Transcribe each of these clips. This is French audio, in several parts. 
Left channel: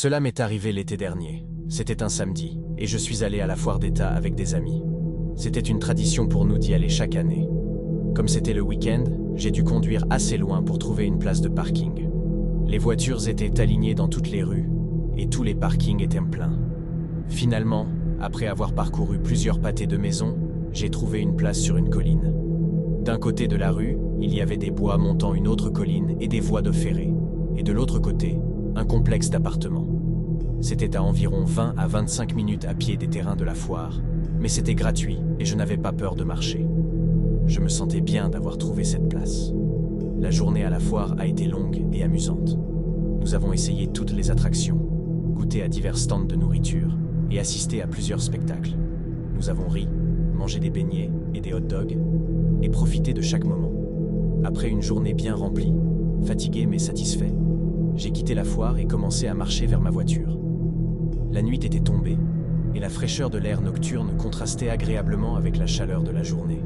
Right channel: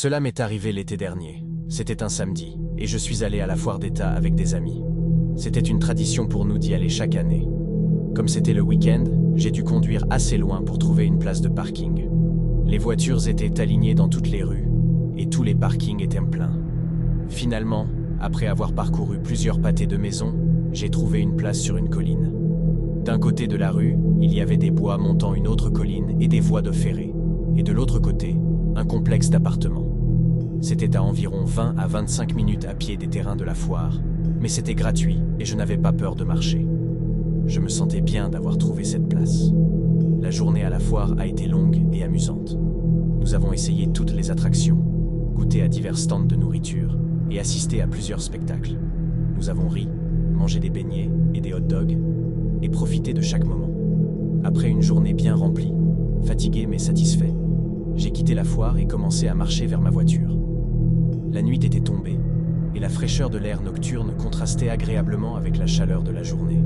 Cela m'est arrivé l'été dernier. C'était un samedi, et je suis allé à la foire d'État avec des amis. C'était une tradition pour nous d'y aller chaque année. Comme c'était le week-end, j'ai dû conduire assez loin pour trouver une place de parking. Les voitures étaient alignées dans toutes les rues, et tous les parkings étaient pleins. Finalement, après avoir parcouru plusieurs pâtés de maisons, j'ai trouvé une place sur une colline. D'un côté de la rue, il y avait des bois montant une autre colline et des voies de ferré. Et de l'autre côté, un complexe d'appartements. C'était à environ 20 à 25 minutes à pied des terrains de la foire, mais c'était gratuit et je n'avais pas peur de marcher. Je me sentais bien d'avoir trouvé cette place. La journée à la foire a été longue et amusante. Nous avons essayé toutes les attractions, goûté à divers stands de nourriture et assisté à plusieurs spectacles. Nous avons ri, mangé des beignets et des hot dogs et profité de chaque moment. Après une journée bien remplie, fatigué mais satisfait, j'ai quitté la foire et commencé à marcher vers ma voiture. La nuit était tombée et la fraîcheur de l'air nocturne contrastait agréablement avec la chaleur de la journée.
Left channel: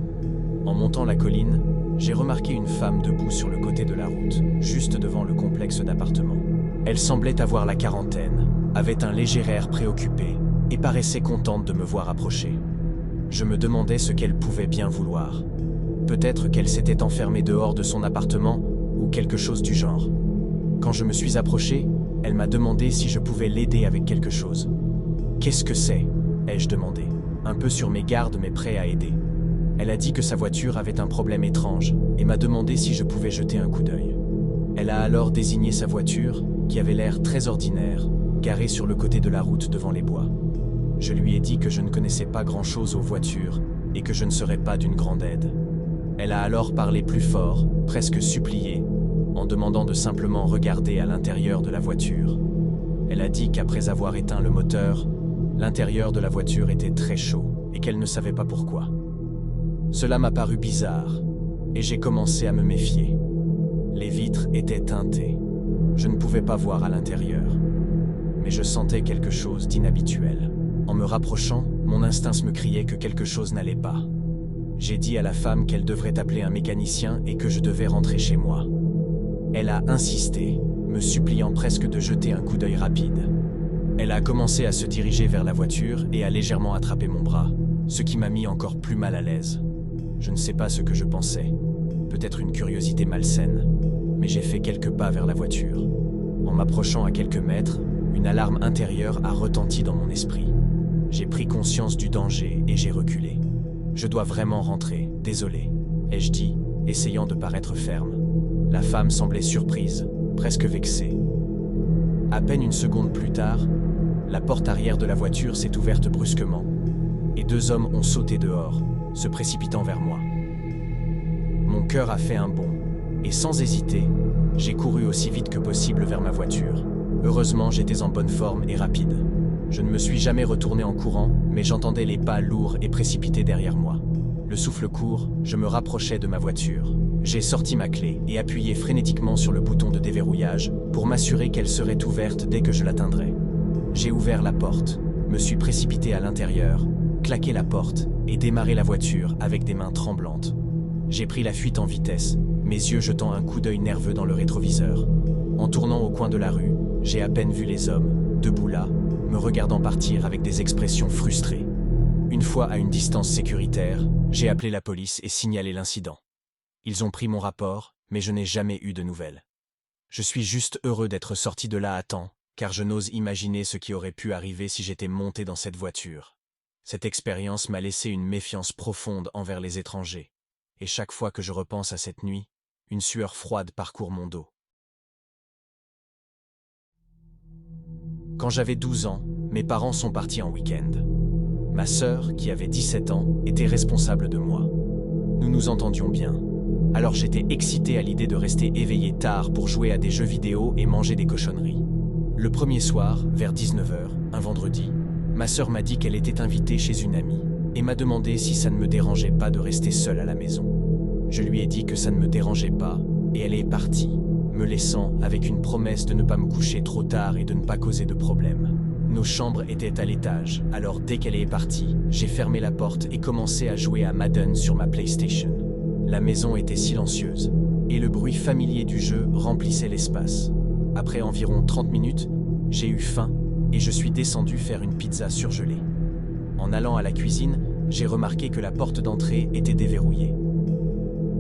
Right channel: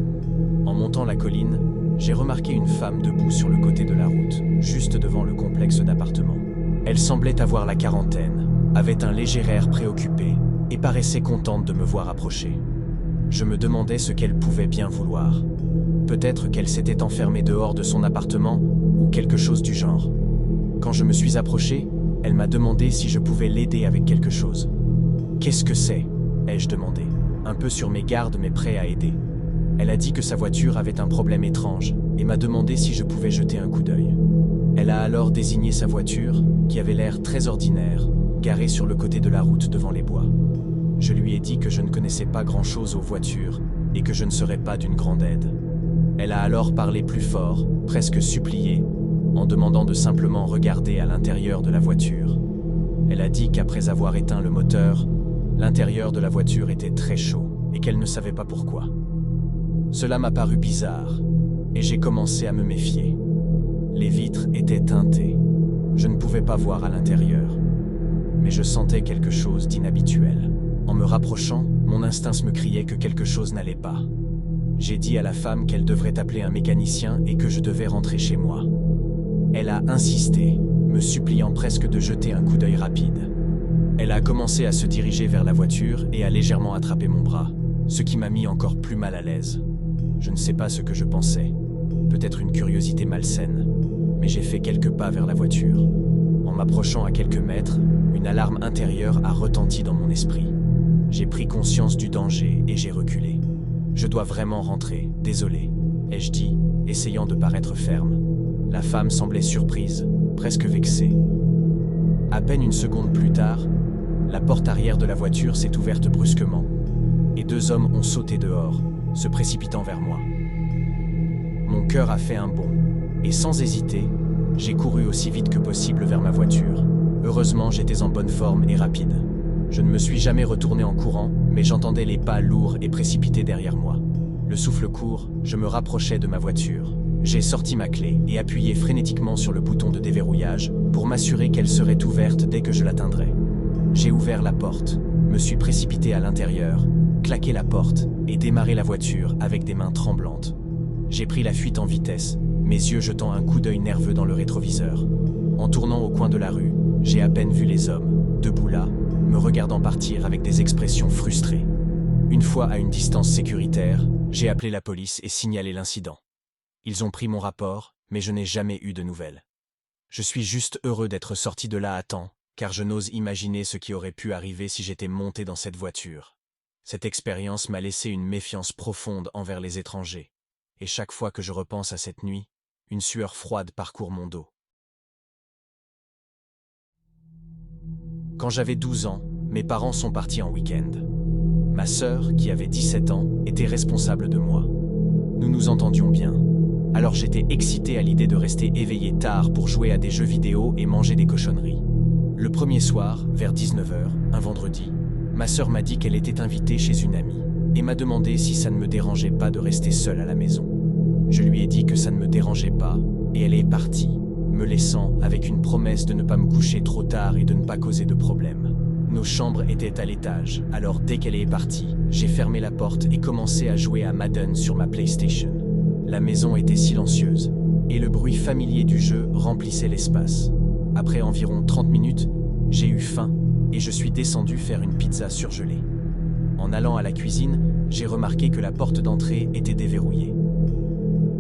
En montant la colline, j'ai remarqué une femme debout sur le côté de la route, juste devant le complexe d'appartements. Elle semblait avoir la quarantaine, avait un léger air préoccupé et paraissait contente de me voir approcher. Je me demandais ce qu'elle pouvait bien vouloir. Peut-être qu'elle s'était enfermée dehors de son appartement ou quelque chose du genre. Quand je me suis approché, elle m'a demandé si je pouvais l'aider avec quelque chose. « Qu'est-ce que c'est ?» ai-je demandé, un peu sur mes gardes mais prêt à aider. Elle a dit que sa voiture avait un problème étrange et m'a demandé si je pouvais jeter un coup d'œil. Elle a alors désigné sa voiture, qui avait l'air très ordinaire, garée sur le côté de la route devant les bois. Je lui ai dit que je ne connaissais pas grand-chose aux voitures et que je ne serais pas d'une grande aide. Elle a alors parlé plus fort, presque supplié, en demandant de simplement regarder à l'intérieur de la voiture. Elle a dit qu'après avoir éteint le moteur, l'intérieur de la voiture était très chaud et qu'elle ne savait pas pourquoi. Cela m'a paru bizarre et j'ai commencé à me méfier. Les vitres étaient teintées. Je ne pouvais pas voir à l'intérieur. Mais je sentais quelque chose d'inhabituel. En me rapprochant, mon instinct me criait que quelque chose n'allait pas. J'ai dit à la femme qu'elle devrait appeler un mécanicien et que je devais rentrer chez moi. Elle a insisté, me suppliant presque de jeter un coup d'œil rapide. Elle a commencé à se diriger vers la voiture et a légèrement attrapé mon bras, ce qui m'a mis encore plus mal à l'aise. Je ne sais pas ce que je pensais, peut-être une curiosité malsaine, mais j'ai fait quelques pas vers la voiture. En m'approchant à quelques mètres, une alarme intérieure a retenti dans mon esprit. J'ai pris conscience du danger et j'ai reculé. « Je dois vraiment rentrer, désolé », ai-je dit, essayant de paraître ferme. La femme semblait surprise, presque vexée. À peine une seconde plus tard, la porte arrière de la voiture s'est ouverte brusquement, et deux hommes ont sauté dehors, se précipitant vers moi. Mon cœur a fait un bond, et sans hésiter, j'ai couru aussi vite que possible vers ma voiture. Heureusement, j'étais en bonne forme et rapide. Je ne me suis jamais retourné en courant, mais j'entendais les pas lourds et précipités derrière moi. Le souffle court, je me rapprochais de ma voiture. J'ai sorti ma clé et appuyé frénétiquement sur le bouton de déverrouillage pour m'assurer qu'elle serait ouverte dès que je l'atteindrais. J'ai ouvert la porte, me suis précipité à l'intérieur, claqué la porte et démarré la voiture avec des mains tremblantes. J'ai pris la fuite en vitesse, mes yeux jetant un coup d'œil nerveux dans le rétroviseur. En tournant au coin de la rue, j'ai à peine vu les hommes, debout là, me regardant partir avec des expressions frustrées. Une fois à une distance sécuritaire, j'ai appelé la police et signalé l'incident. Ils ont pris mon rapport, mais je n'ai jamais eu de nouvelles. Je suis juste heureux d'être sorti de là à temps, car je n'ose imaginer ce qui aurait pu arriver si j'étais monté dans cette voiture. Cette expérience m'a laissé une méfiance profonde envers les étrangers, et chaque fois que je repense à cette nuit, une sueur froide parcourt mon dos. Quand j'avais 12 ans, mes parents sont partis en week-end. Ma sœur, qui avait 17 ans, était responsable de moi. Nous nous entendions bien. Alors j'étais excité à l'idée de rester éveillé tard pour jouer à des jeux vidéo et manger des cochonneries. Le premier soir, vers 19 h, un vendredi, ma sœur m'a dit qu'elle était invitée chez une amie et m'a demandé si ça ne me dérangeait pas de rester seule à la maison. Je lui ai dit que ça ne me dérangeait pas et elle est partie, me laissant avec une promesse de ne pas me coucher trop tard et de ne pas causer de problème. Nos chambres étaient à l'étage, alors dès qu'elle est partie, j'ai fermé la porte et commencé à jouer à Madden sur ma PlayStation. La maison était silencieuse, et le bruit familier du jeu remplissait l'espace. Après environ 30 minutes, J'ai eu faim et je suis descendu faire une pizza surgelée. En allant à la cuisine, j'ai remarqué que la porte d'entrée était déverrouillée.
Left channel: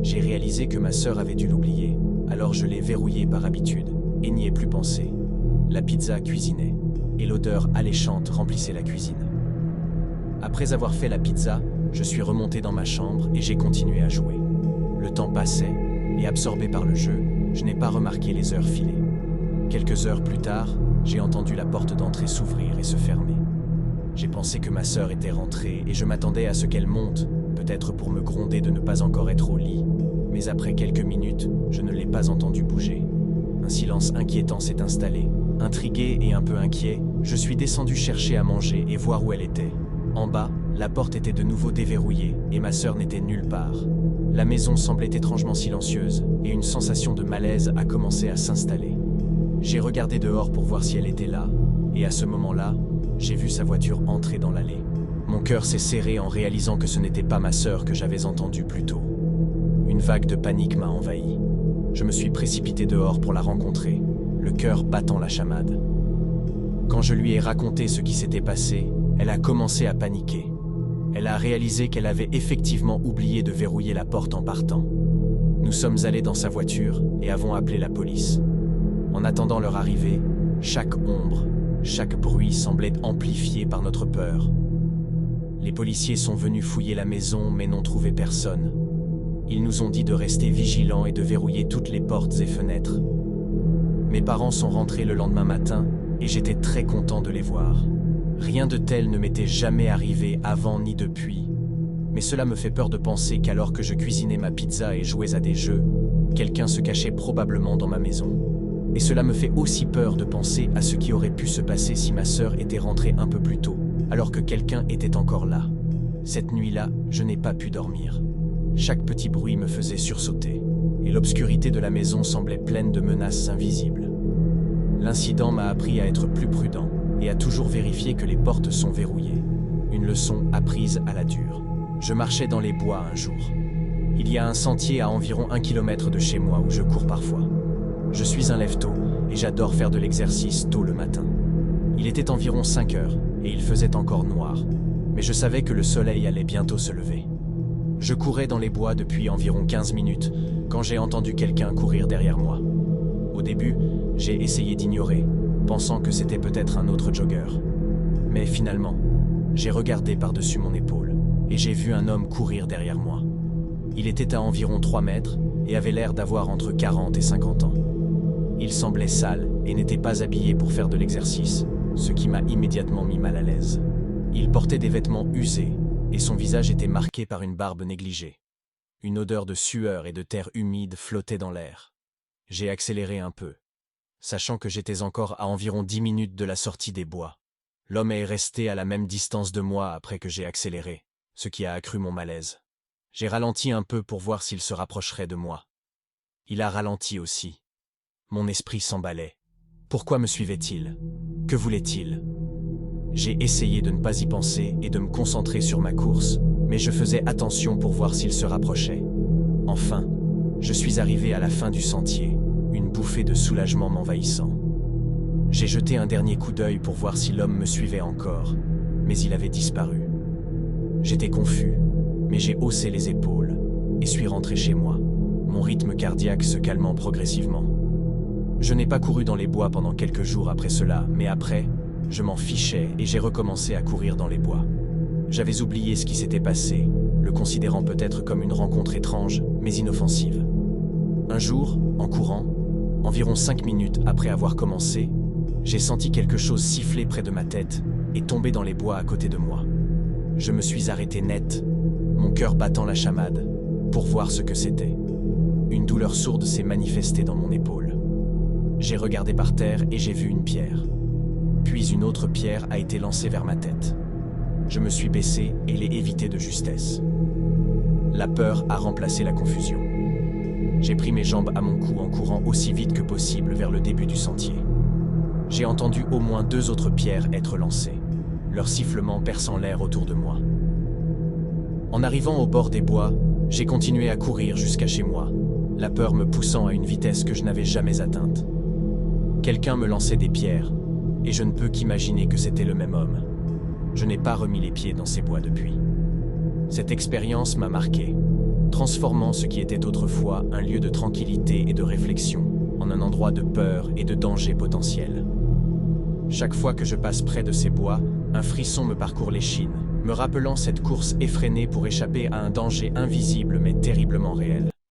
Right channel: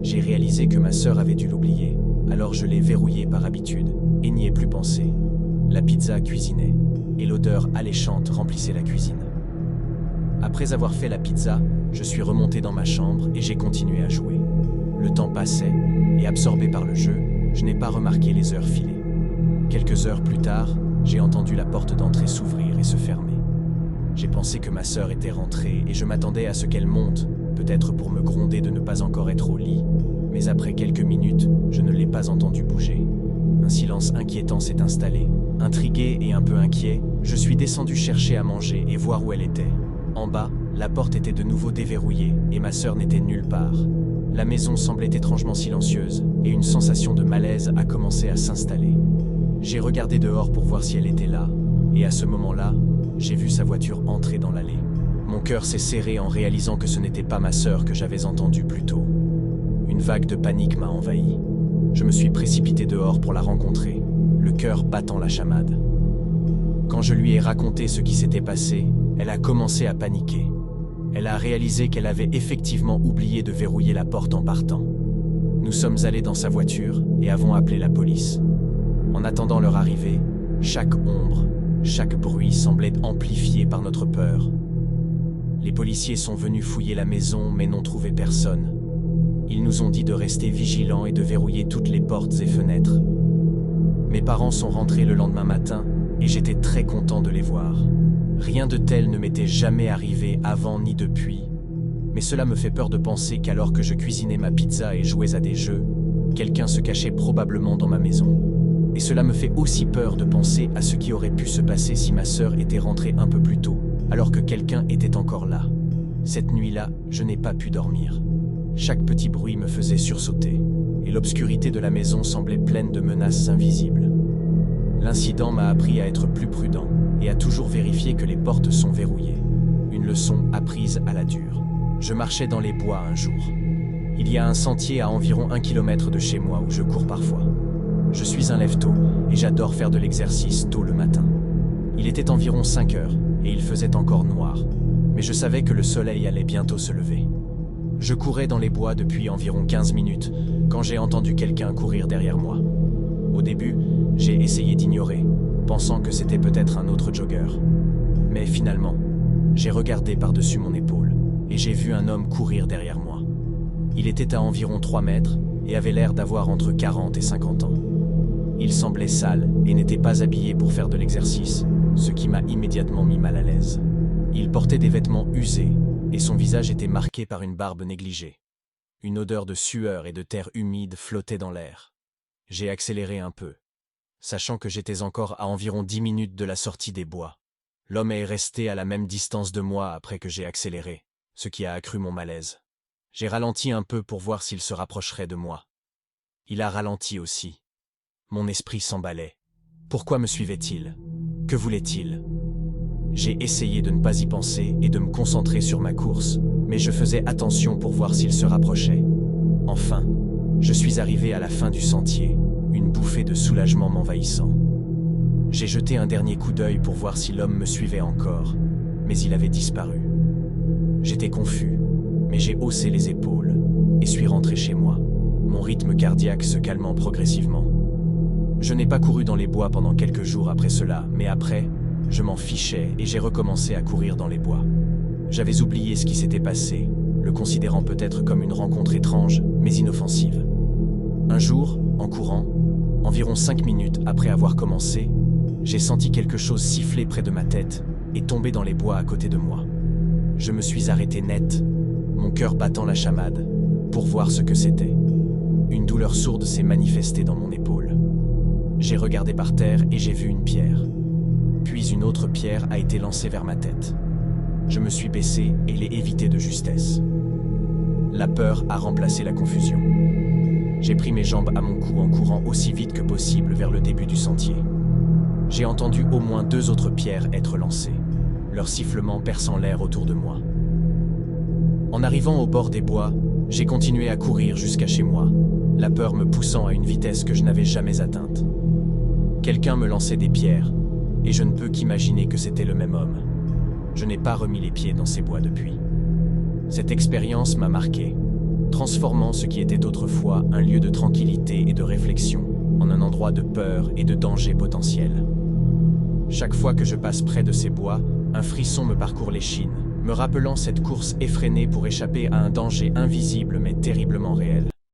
J'ai réalisé que ma sœur avait dû l'oublier, alors je l'ai verrouillée par habitude et n'y ai plus pensé. La pizza cuisinait et l'odeur alléchante remplissait la cuisine. Après avoir fait la pizza, je suis remonté dans ma chambre et j'ai continué à jouer. Le temps passait et absorbé par le jeu, je n'ai pas remarqué les heures filer. Quelques heures plus tard, j'ai entendu la porte d'entrée s'ouvrir et se fermer. J'ai pensé que ma sœur était rentrée et je m'attendais à ce qu'elle monte, peut-être pour me gronder de ne pas encore être au lit. Mais après quelques minutes, je ne l'ai pas entendue bouger. Un silence inquiétant s'est installé. Intrigué et un peu inquiet, je suis descendu chercher à manger et voir où elle était. En bas, la porte était de nouveau déverrouillée et ma sœur n'était nulle part. La maison semblait étrangement silencieuse et une sensation de malaise a commencé à s'installer. J'ai regardé dehors pour voir si elle était là, et à ce moment-là, j'ai vu sa voiture entrer dans l'allée. Mon cœur s'est serré en réalisant que ce n'était pas ma sœur que j'avais entendue plus tôt. Une vague de panique m'a envahi. Je me suis précipité dehors pour la rencontrer, le cœur battant la chamade. Quand je lui ai raconté ce qui s'était passé, elle a commencé à paniquer. Elle a réalisé qu'elle avait effectivement oublié de verrouiller la porte en partant. Nous sommes allés dans sa voiture et avons appelé la police. En attendant leur arrivée, chaque ombre, chaque bruit semblait amplifié par notre peur. Les policiers sont venus fouiller la maison mais n'ont trouvé personne. Ils nous ont dit de rester vigilants et de verrouiller toutes les portes et fenêtres. Mes parents sont rentrés le lendemain matin et j'étais très content de les voir. Rien de tel ne m'était jamais arrivé avant ni depuis, mais cela me fait peur de penser qu'alors que je cuisinais ma pizza et jouais à des jeux, quelqu'un se cachait probablement dans ma maison. Et cela me fait aussi peur de penser à ce qui aurait pu se passer si ma sœur était rentrée un peu plus tôt, alors que quelqu'un était encore là. Cette nuit-là, je n'ai pas pu dormir. Chaque petit bruit me faisait sursauter, et l'obscurité de la maison semblait pleine de menaces invisibles. L'incident m'a appris à être plus prudent, et à toujours vérifier que les portes sont verrouillées. Une leçon apprise à la dure. Je marchais dans les bois un jour. Il y a un sentier à environ 1 kilomètre de chez moi où je cours parfois. Je suis un lève-tôt et j'adore faire de l'exercice tôt le matin. Il était environ 5 heures et il faisait encore noir, mais je savais que le soleil allait bientôt se lever. Je courais dans les bois depuis environ 15 minutes quand j'ai entendu quelqu'un courir derrière moi. Au début, j'ai essayé d'ignorer, pensant que c'était peut-être un autre jogger. Mais finalement, j'ai regardé par-dessus mon épaule et j'ai vu un homme courir derrière moi. Il était à environ 3 mètres et avait l'air d'avoir entre 40 et 50 ans. Il semblait sale et n'était pas habillé pour faire de l'exercice, ce qui m'a immédiatement mis mal à l'aise. Il portait des vêtements usés et son visage était marqué par une barbe négligée. Une odeur de sueur et de terre humide flottait dans l'air. J'ai accéléré un peu, sachant que j'étais encore à environ 10 minutes de la sortie des bois. L'homme est resté à la même distance de moi après que j'ai accéléré, ce qui a accru mon malaise. J'ai ralenti un peu pour voir s'il se rapprocherait de moi. Il a ralenti aussi. Mon esprit s'emballait. Pourquoi me suivait-il? Que voulait-il? J'ai essayé de ne pas y penser et de me concentrer sur ma course, mais je faisais attention pour voir s'il se rapprochait. Enfin, je suis arrivé à la fin du sentier, une bouffée de soulagement m'envahissant. J'ai jeté un dernier coup d'œil pour voir si l'homme me suivait encore, mais il avait disparu. J'étais confus, mais j'ai haussé les épaules et suis rentré chez moi, mon rythme cardiaque se calmant progressivement. Je n'ai pas couru dans les bois pendant quelques jours après cela, mais après, je m'en fichais et j'ai recommencé à courir dans les bois. J'avais oublié ce qui s'était passé, le considérant peut-être comme une rencontre étrange, mais inoffensive. Un jour, en courant, environ 5 minutes après avoir commencé, j'ai senti quelque chose siffler près de ma tête et tomber dans les bois à côté de moi. Je me suis arrêté net, mon cœur battant la chamade, pour voir ce que c'était. Une douleur sourde s'est manifestée dans mon épaule. J'ai regardé par terre et j'ai vu une pierre. Puis une autre pierre a été lancée vers ma tête. Je me suis baissé et l'ai évité de justesse. La peur a remplacé la confusion. J'ai pris mes jambes à mon cou en courant aussi vite que possible vers le début du sentier. J'ai entendu au moins 2 autres pierres être lancées, leur sifflement perçant l'air autour de moi. En arrivant au bord des bois, j'ai continué à courir jusqu'à chez moi, la peur me poussant à une vitesse que je n'avais jamais atteinte. Quelqu'un me lançait des pierres, et je ne peux qu'imaginer que c'était le même homme. Je n'ai pas remis les pieds dans ces bois depuis. Cette expérience m'a marqué, transformant ce qui était autrefois un lieu de tranquillité et de réflexion en un endroit de peur et de danger potentiel. Chaque fois que je passe près de ces bois, un frisson me parcourt l'échine, me rappelant cette course effrénée pour échapper à un danger invisible mais terriblement réel.